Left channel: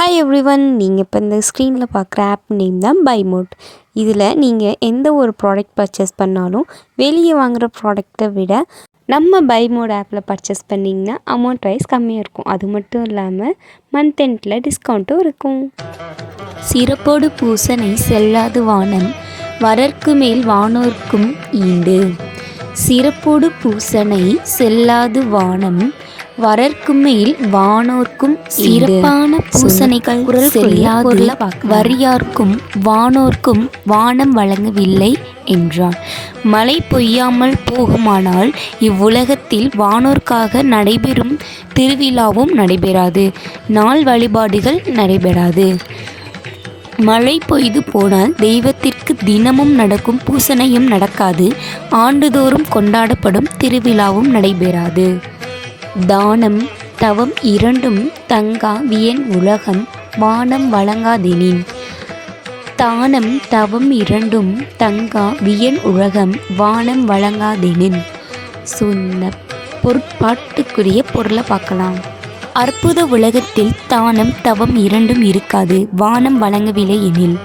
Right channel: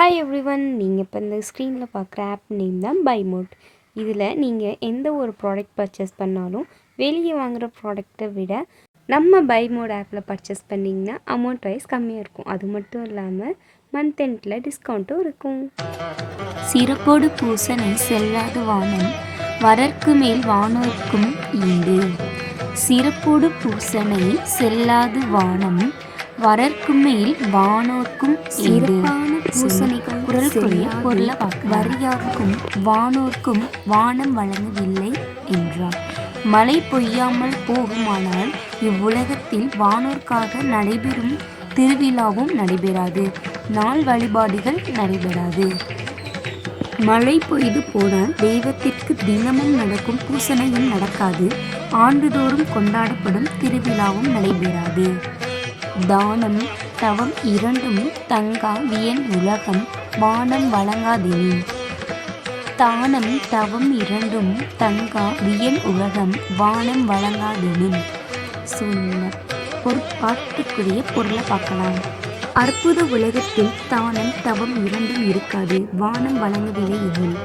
Hi everyone, நீங்கள் இப்போ இந்த ஸ்க்ரீனில் பார்க்குற ஆப் நேம் தான் பைமோட். இதில் நீங்கள் எந்த ஒரு ப்ராடக்ட் பர்ச்சேஸ் பண்ணாலும் வெளியே வாங்குகிற ப்ராடக்டை விட நம்ம பைமோட் ஆப்பில் பர்ச்சேஸ் பண்ணிங்கன்னா அமௌண்ட் வைஸ் கம்மியாக இருக்கும். அது மட்டும் இல்லாமல் மந்த் எண்டில் டிஸ்கவுண்ட்டும் இருக்கும். சிறப்போடு பூசனை செல்லாது வானம் வரற்கு மேல் வானோர்க்கும் ஈண்டு. சிறப்போடு பூசனை செல்லாது வானம் வரற்கு மேல் வானோர்க்கும் சிறப்பான பூசனைகள் செல்லாது வரியார்க்கும் வானோர்க்கும் வானம் வழங்கவில்லை என்றார். மழை பொய்யாமல் போகுமானால் இவ்வுலகத்தில் வானோர்க்காக நடைபெறும் திருவிழாவும் நடைபெறாது, நாள் வழிபாடுகள் நடைபெறாது. மழை பொய்து போனால் தெய்வத்திற்கு தினமும் நடக்கும் பூசனையும் நடக்காது, ஆண்டுதோறும் கொண்டாடப்படும் திருவிழாவும் நடைபெறாது. தானம் தவம் இரண்டும் தங்கா வியன் உலகம் வானம் வழங்காதெனின். தானம் தவம் இரண்டும் தங்கா வியன் உலகம் வானம் வழங்காதெனின். சொன்ன பொருட்பாட்டுக்குரிய பொருளை பார்க்கலாம். அற்புத உலகத்தில் தானம் தவம் இரண்டும் இருக்காது, வானம் வழங்கவில்லை எனில்.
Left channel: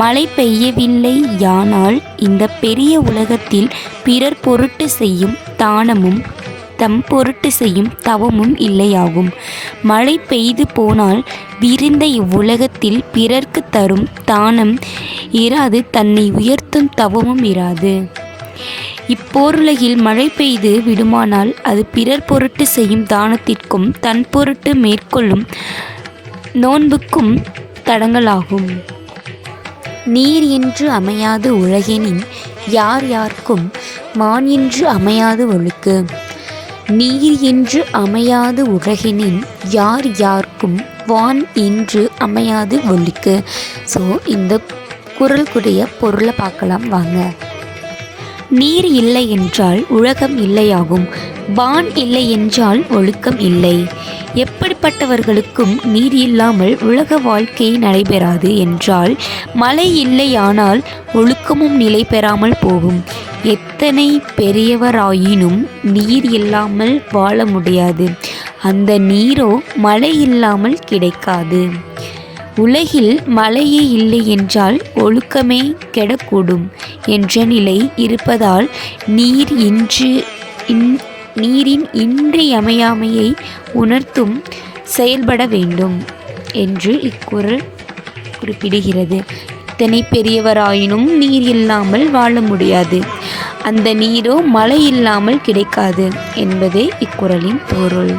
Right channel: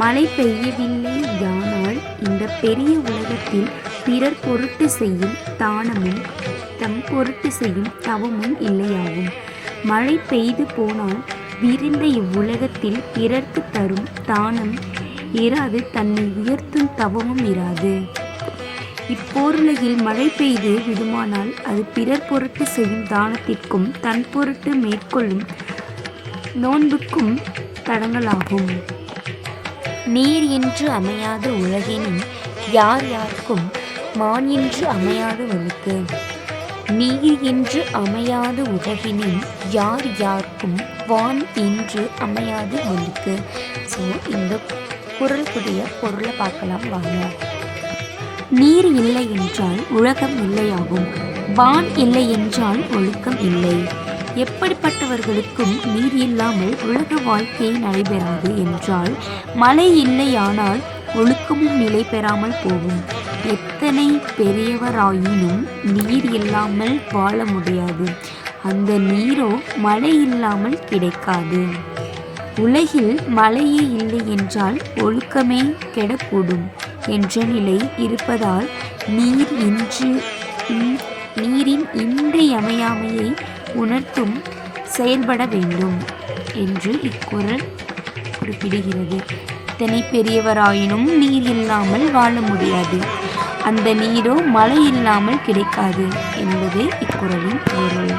மழை பெய்யவில்லை யானால் இந்த பெரிய உலகத்தில் பிறர் பொருட்டு செய்யும் தானமும் தம் பொருட்டு செய்யும் தவமும் இல்லையாகும். மழை பெய்து போனால் விரிந்த இவ்வுலகத்தில் பிறர்க்கு தரும் தானம் இராது, தன்னை உயர்த்தும் தவமும் இராது. இப்போருலகில் மழை பெய்து விடுமானால் அது பிறர் பொருட்டு செய்யும் தானத்திற்கும் தன் பொருட்டு மேற்கொள்ளும் நோன்புக்கும் தடங்கலாகும். நீர் என்று அமையாது உலகெனின் யார் யார்க்கும் மான் என்று அமையாது ஒழுக்கு. நீர் என்று அமையாது உலகினின் யார் யார்க்கும் வான் என்று அமையாது ஒழுக்கு. ஸோ இந்த குறளுக்குரிய பொருளை பார்க்கலாம் வாங்க. நீர் இல்லை என்றால் உலகம் இல்லையாகும், வான் இல்லை என்றால் ஒழுக்கம் இல்லை. எப்படிப்பட்டவர்களுக்கும் நீர் இல்லாமல் உலக வாழ்க்கை நடைபெறாது என்றால் மழை இல்லையானால் ஒழுக்கமும் நிலை பெறாமல் போகும். எத்தனை பெரியவராயினும் நீர் இல்லாமல் வாழ முடியாது, அந்த நீரோ மழை இல்லாமல் கிடைக்காது. உலகில் மழையே இல்லை என்றால் ஒழுக்கமே கெடக்கூடும் என்ற நிலை இருப்பதால் நீரின் இன்றியமையாமையை உணர்த்தும் செயல்பட வேண்டும் என்று இக்குறள் குறிப்பிடுகிறது. எத்தனை பெரியவராயினும் நீர் இல்லாமல் வாழ முடியாது, அந்த நீரோ மழை இல்லாமல் கிடைக்காது என்பதே இக்குறளின் பொருள்.